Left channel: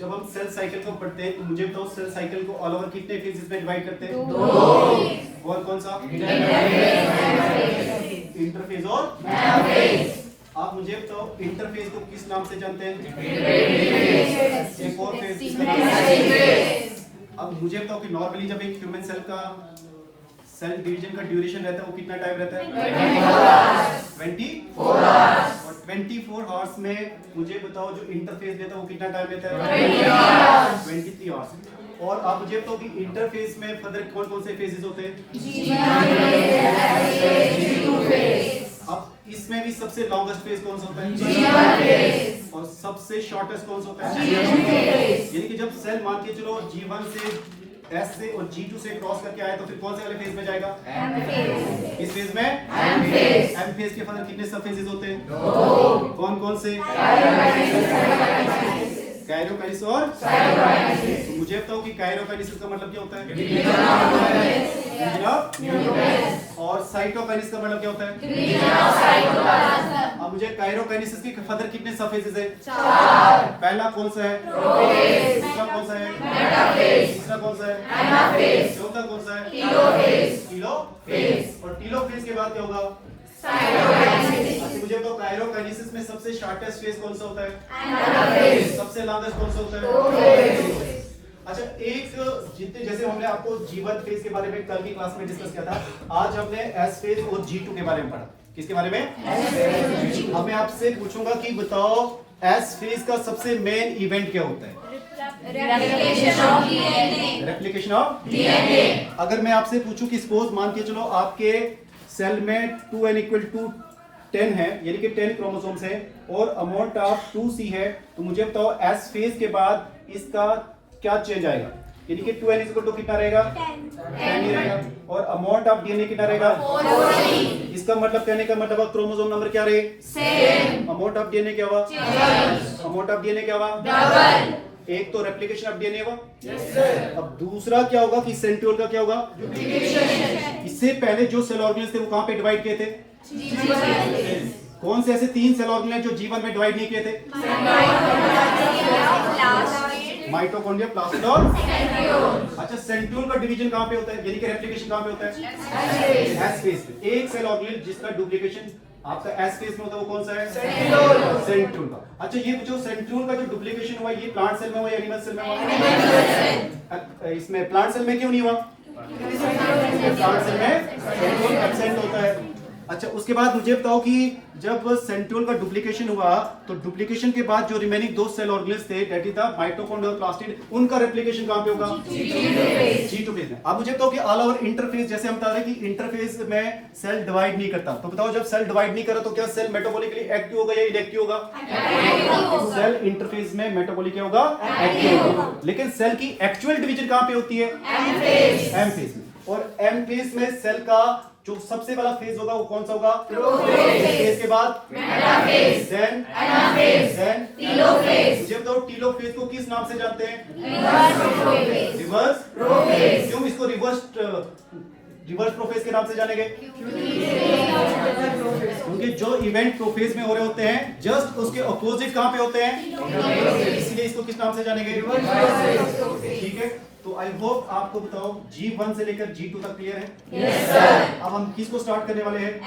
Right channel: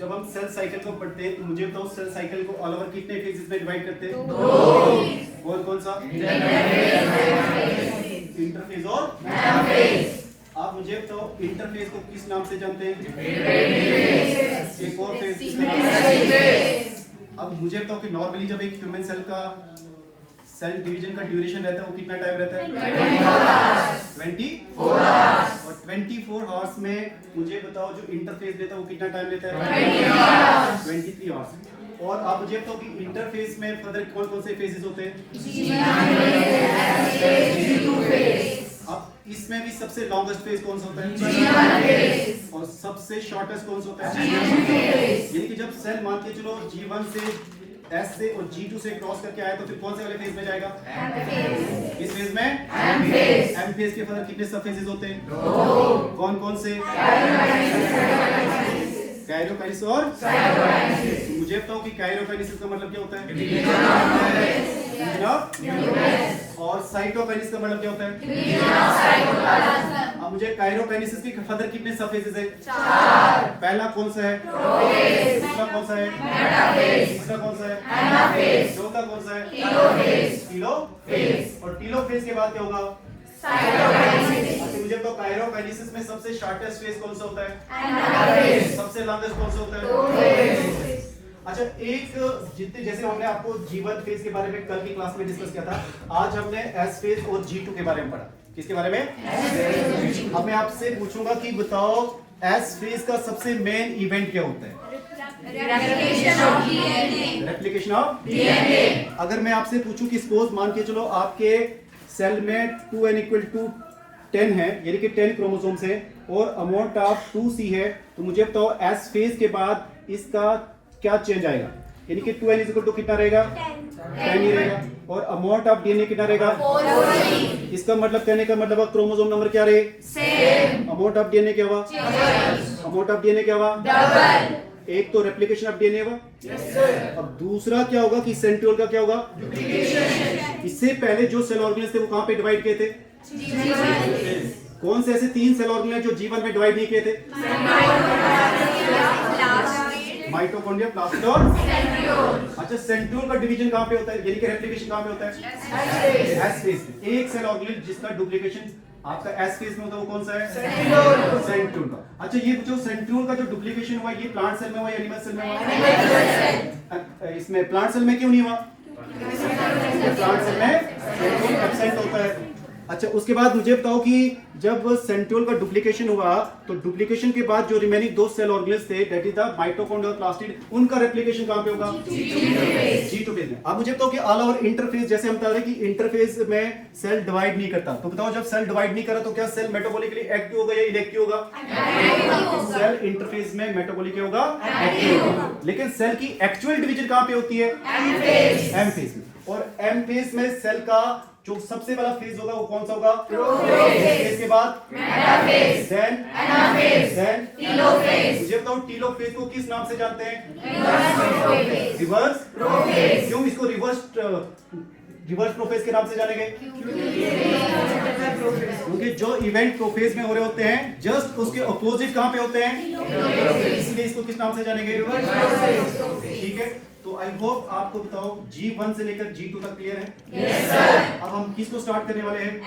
जब हम cell cycle को पढ़ते हैं तो मुझे बताओ सेल साइकिल को ऑल ओवर कितने फेजेस में डिवाइड करते हैं? दो। और कौन सा? इंटरफेज और मेटाफेज। आप मुझे बताओ इंटरफेज को किस नाम से जानते हैं? एक और फेज किसका नाम है? अब मुझे बताओ कि नॉर्मली जब एक ह्यूमन सेल का सेल डिवीजन का ड्यूरेशन रहता है वो कितना टाइम रहता है? 24 आवर्स। और 24 आवर्स में मुझे बताओ जो इंटरफेस लेता है वो कितना टाइम लेता है? 23 आवर्स। और आप मुझे बताओ कि इंटरफेस में फर्दर कौन कौन से फेजेस होते हैं? अब इसमें भी सबसे लॉन्गेस्ट फेज कौन सा होता है? और सबसे शॉर्टेस्ट कौन सा होता है? यानी कि जब सेल मान के चलो G1 से S से और G2 से क्रॉस करके आए तो फिर कौन से वाले फेज में जाएगा? इस फेज में M फेज के फर्दर कितने सब फेजेस होते हैं? कौन कौन से? काइरोकाइनेसिस और तो मुझे बताओ कि काइरोकाइनेसिस का मतलब क्या होता है? और साइटोकाइनेसिस का मतलब क्या होता है? अब मुझे काइरोकाइनेसिस की फर्दर कितने सब फेजेस है? 4। पहला कौन सा है? दूसरा कौन सा है? तीसरा कौन सा है? चौथा कौन सा है? टीलोफेज। और टीलोफेज के बाद क्या होगा? मुझे तो काइरोकाइनेसिस में सबसे शॉर्टेस्ट फेज कौन सा होता है? सबसे लॉन्गेस्ट कौन सा होता है? अच्छा, एक जितने जैसे हमने आपको G1 फेज के बारे में कल की क्लास में डिस्कस किया था, आज हमने S फेज और G2 के बारे में पढ़ा। किसके बारे में? अब मैं आपसे पूछूंगा कि बताओ S फेज का सबसे मेन इवेंट क्या होता है? Replication of DNA. अगर मैं आपसे पूछूं कि सपोज मान के चलो आपके सेल में 2n = 10 है, यानी कि 10 क्रोमोसोम्स है और अमाउंट ऑफ 2C है, तो मुझे बताओ S फेज के बाद इसका क्या चेंज आएगा? यानी कि 2n = कितना रहेगा? 10 ही रहेगा। और अमाउंट ऑफ डीएनए कितना रहेगा? 4। इसका मतलब कहने का मतलब क्रोमोसोम नंबर क्या रहे? सेम। अमाउंट ऑफ डीएनए क्या हुआ? अमाउंट ऑफ डीएनए क्या हुआ? डबल। एक तो रेप्लिकेशन ऑफ डीएनए हुआ। अब दूसरा क्या होगा कि सेंट्रियोल का क्या होगा? डुप्लीकेशन। इससे पहले जो सेल ऑर्गेनेल्स थे वो कहां पे डिवाइड किए थे? कौन से ऐसे 3 सेल ऑर्गेनेल जो G1 में डिवाइड नहीं किए थे? माइटोकॉन्ड्रिया, प्लास्मिड और सेंट्रियोल। अच्छा, सेंट्रियोल का डिवीजन कहां पे होता है? यानी कि रेप्लिकेशन कहां पे होता है? S फेज में। एक सेल ऑर्गेनेल जिसका डुप्लीकेशन आपका S फेज में होता है वो कौन सा है? सेंट्रियोल का। अच्छा, ये जो सेंट्रियोल का जो डुप्लीकेशन हुआ ये प्लांट सेल में हुआ या एनिमल सेल में हुआ? इसमें प्लांट सेल में क्यों नहीं हुआ? प्लांट सेल में सेंट्रियोल एब्सेंट होता है। अच्छा, उसके बाद मुझे बताओ कि जब सेंट्रियोल का डुप्लीकेशन हुआ तो डुप्लीकेशन के बाद जो रिमेनिंग 2 सेल ऑर्गेनेल्स थे दैट इज द माइटोकॉन्ड्रिया और प्लास्टिड, उनका रेप्लिकेशन कहां पे होगा? G2 फेज में। अब मुझे बताओ कि ऑल ओवर इंटरफेज, जैसे हम बता रहे हैं कि इंटरफेज में सेल डिवाइड नहीं करता, तो बताओ जब सेल डिवाइड नहीं करा तो क्या सेल मेटाबॉलिकली एक्टिव होगा या इनएक्टिव होगा? सेल इंटरफेज में मेटाबॉलिकली होगा, एक्टिव होगा। लेकिन सेल की एक्चुअल डिवीजन कहां पे होती है? M फेज में। और M फेज में सेल का जो सबसे पहला फेज होगा वो कौन सा होगा? प्रोफेज। के बाद metaphase, then anaphase, then telophase. ये तो टीलोफेज को किस नाम से जानते हैं? Reverse prophase. क्यों इसको रिवर्स प्रोफेज के नाम से जानेंगे? क्योंकि जो इवेंट प्रोफेज में हो रहे होते हैं जस्ट उसके अपोजिट कहां पे होते हैं? इसलिए इसको किस नाम से जानेंगे? ठीक है, तो आई होप आपको बताओ G1 से लेकर G2 तक क्लियर है। Yes sir. अब हम किसको स्टार्ट करने वाले हैं?